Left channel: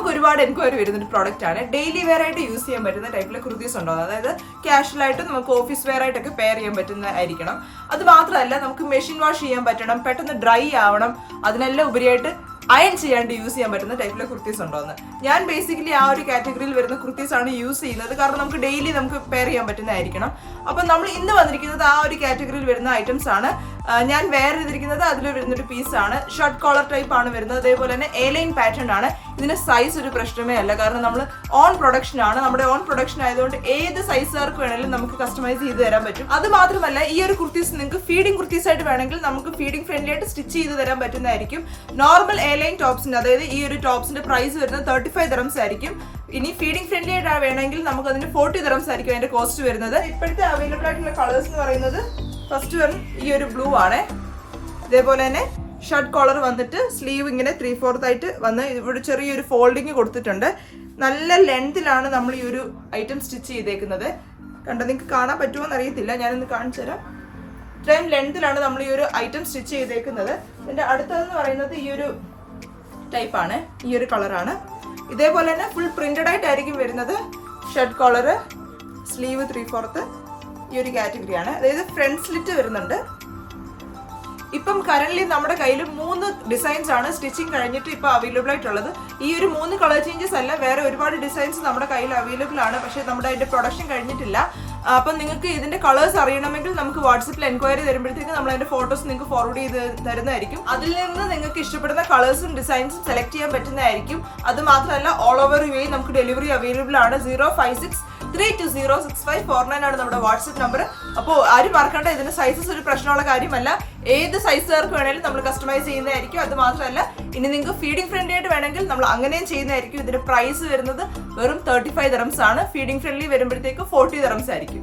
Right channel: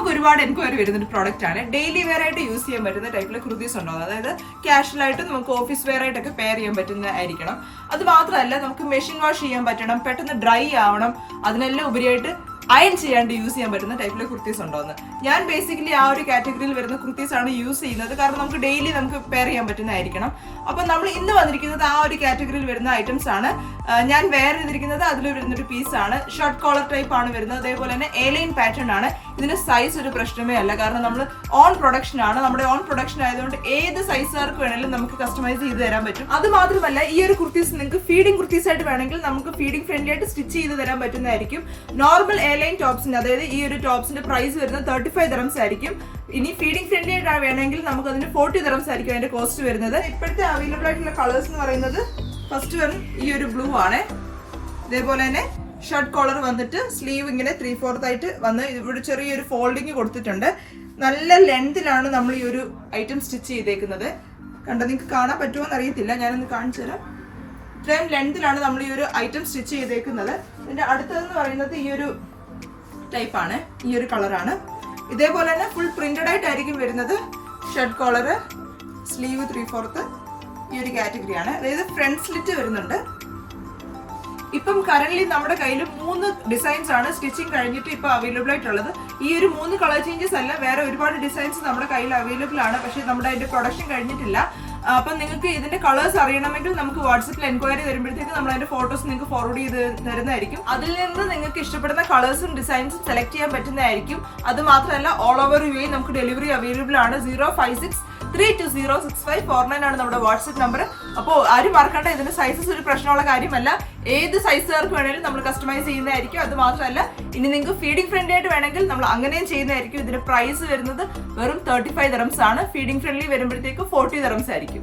നമുക്ക് ഒരുപാട് എൻക്വയറി വരുന്ന ഒരു പ്രോഡക്റ്റ് ആണ്. ഡെയിലി വെയർ ആയിട്ട് യൂസ് ചെയ്യാൻ പറ്റുന്ന ടൈപ്പിലെ കുർത്തീസ് ഉണ്ടോ, അതായത് കാഷ്വൽ ആയിട്ട് നമുക്ക് ഓഫീസ് വെയർ ആയിട്ടൊക്കെ പെയർ ചെയ്യാൻ പറ്റുന്നതായിരിക്കണം. അത് മാത്രമല്ല നമുക്ക് മെഷീൻ വാഷ് ചെയ്യാൻ പറ്റണം, പെട്ടെന്ന് ഡ്രൈ ആവണം, അതിനെല്ലാം ഉപരിയായിട്ട് അയൺ ചെയ്യാണ്ട് യൂസ് ചെയ്യാൻ പറ്റുന്ന ടൈപ്പിലെ കുർത്തീസ് ഉണ്ടോന്ന്. ഞാൻ ബേസിക്കലി ആ ഒരു കാറ്റഗറിയിൽ വരുന്ന കുർത്തീസ് ആണ് യൂസ് ചെയ്യുന്നത്. കാരണം നമുക്ക് ഡെയിലി നമുക്ക് പെയർ ചെയ്യാൻ പറ്റുന്നതായിരിക്കണം. അപ്പം നമ്മൾ ഇന്ന് വന്നിരിക്കുന്നത് ആ ഒരു കാറ്റഗറിയിൽ വരുന്ന ഐറ്റംസ് ആണ്. ഞാൻ വെയർ ചെയ്തിരിക്കുന്നത് അതിൽ വരുന്നൊരു പീസാണ്. ഷർട്ട് കോളർ ടൈപ്പ് ആണ് വരുന്നത്. അതേപോലെ തന്നെ എലൈൻ പാറ്റേൺ ആണ്. ഇതിന് സൈസ് ഒരു പ്രശ്നമേ അല്ല. കാരണം നമ്മൾ ഓൺ പ്രൊഡക്ഷൻ ആണ്. നമ്മുടെ ഓൺ പ്രൊഡക്ഷൻ ആയതുകൊണ്ട് ഏത് സൈസുകാർക്ക് വേണമെങ്കിലും നമുക്ക് കസ്റ്റമൈസ് ചെയ്ത് തരാൻ പറ്റും. അത് മാത്രമല്ല ഈ ഒരു കുർത്തീസ് നിങ്ങൾക്ക് ഫീഡിംഗ് കുർത്തീസ് ആയിട്ട് വേണമെങ്കിൽ നമുക്ക് ഫീഡിംഗ് ഫ്രണ്ട്ലി ആയിട്ട് സ്റ്റിച്ച് ചെയ്ത് തരാൻ പറ്റുന്നതായിരിക്കും. നോർമൽ എലൈൻ ടോപ്സിന്, അതായത് ഈ ഒരു ടോപ്സിന്റെ പ്രൈസ് വരുന്നത് 35 dirhams ആയിരിക്കും. ഇനി ഫീഡിംഗ് ഫ്രണ്ട്ലി ആയിട്ട് വേണമെങ്കിൽ നമുക്ക് അതിന് 40 dirhams ആയിരിക്കും അതിന്റെ കോസ്റ്റ് വരുന്നത്. ഇപ്പോഴത്തെ അവൈലബിൾ ആയിട്ടുള്ള കളേഴ്സ് എന്ന് പറയുന്നത് ഫസ്റ്റ് വൺ ഈ ഒരു ബ്ലൂ ആണ്. ഇതേപോലെ തന്നെ ഷർട്ട് കോളർ വന്നിട്ട് സ്ലീവ് ഇങ്ങനെ 3/4 ആയിട്ട് വന്ന് ഇവിടെ ചെറിയൊരു ഫോൾഡിങ് കൊടുത്തിട്ടുണ്ട്. നല്ല ലെങ്തിലാണ് നമ്മൾ ഈ ഒരു ഐറ്റം സ്റ്റിച്ച് ചെയ്തേക്കുന്നത്. കണ്ടോ, നിങ്ങൾക്ക് കാണാൻ പറ്റുമോ എന്ന് അറിയത്തില്ല, ഞാനൊന്ന് കാണിച്ചു തരാം. ഇത്രയും ലെങ്തിലാണ് നമ്മൾ ഈ ഒരു ഐറ്റം സ്റ്റിച്ച് ചെയ്തേക്കുന്നത്. ഇതിന്റെ അടുത്തതെന്ന് പറയുന്നത് ഈ ഒരു ടൈപ്പാണ്, ഈ ഒരു കളറാണ്. ഇതേപോലെ തന്നെ ഫുൾ പ്രിന്റഡ് ആയിട്ടായിരിക്കും വരുന്നത്. ഷർട്ട് കോളർ, സ്ലീവ് 3/4 ഈ ഒരു കാറ്റഗറിയാണ്. അതായത് ഫ്രണ്ട് സ്ലിറ്റ് വരുന്നുണ്ട്. ഇപ്പം കറന്റ് നമ്മുടെ കയ്യിൽ 3 ഡിസൈൻസ് ആണ് സ്റ്റിച്ചിങ് കഴിഞ്ഞിട്ട് ഇപ്പൊ അവൈലബിൾ ആയിട്ടുള്ളത്. ഈ ഒരു 3 കളർ ചേഞ്ചസ് അല്ല, വേറെ ഒരുപാട് ഡിസൈൻസ് നമ്മുടെ കയ്യിൽ അവൈലബിൾ ആണ്. പക്ഷെ നമ്മുടെ അതിന്റെ പ്രൊഡക്ഷൻ കഴിഞ്ഞിട്ടില്ല. അപ്പം നിങ്ങൾക്ക് ഇതിന്റെ കളേഴ്സ് അറിയണമെങ്കിൽ നമുക്ക് വാട്സപ്പിൽ എൻക്വയറി തരുമ്പോഴത്തേക്ക് നമ്മൾ അതിന്റെ ഫോട്ടോസ് നിങ്ങൾക്ക് ഫോർവേഡ് ചെയ്ത് തരുന്നതായിരിക്കും. അതിൽ നിന്ന് നിങ്ങൾക്ക് ഇഷ്ടപ്പെടുന്ന കളേഴ്സും ഡിസൈൻസും സെലക്ട് ചെയ്യാൻ പറ്റുന്നതായിരിക്കും. അത് മാത്രമല്ല ഓൾ ഓവർ യു എ നമുക്ക് ഡെലിവറി അവൈലബിൾ ആണ്. 056-320-6549 ആണ് നമ്മുടെ വാട്സപ്പ് നമ്പർ. അപ്പോൾ ആരും മറക്കണ്ട, ഇതിന്റെ സൈസസ് ഒരു പ്രശ്നമുള്ള കാര്യമല്ല. ഏത് സൈസുകാർക്ക് വേണമെങ്കിലും നമ്മൾ കസ്റ്റമൈസ് ചെയ്യുന്നതായിരിക്കും. അത് മാത്രമല്ല ഇനി നിങ്ങൾക്ക് ഫീഡിംഗ് ഫ്രണ്ട്ലി ആയിട്ട് വേണമെങ്കിൽ നമ്മൾ അങ്ങനെയും ചെയ്യുന്നതായിരിക്കും. ഇതിന്റെ പ്രൈസ് വരുന്നത് വെറും 35 dirhams ആണ്. ഫീഡിംഗ് ഫ്രണ്ട്ലി വരുമ്പോഴത്തേക്ക് 40 dirhams ആയിരിക്കും.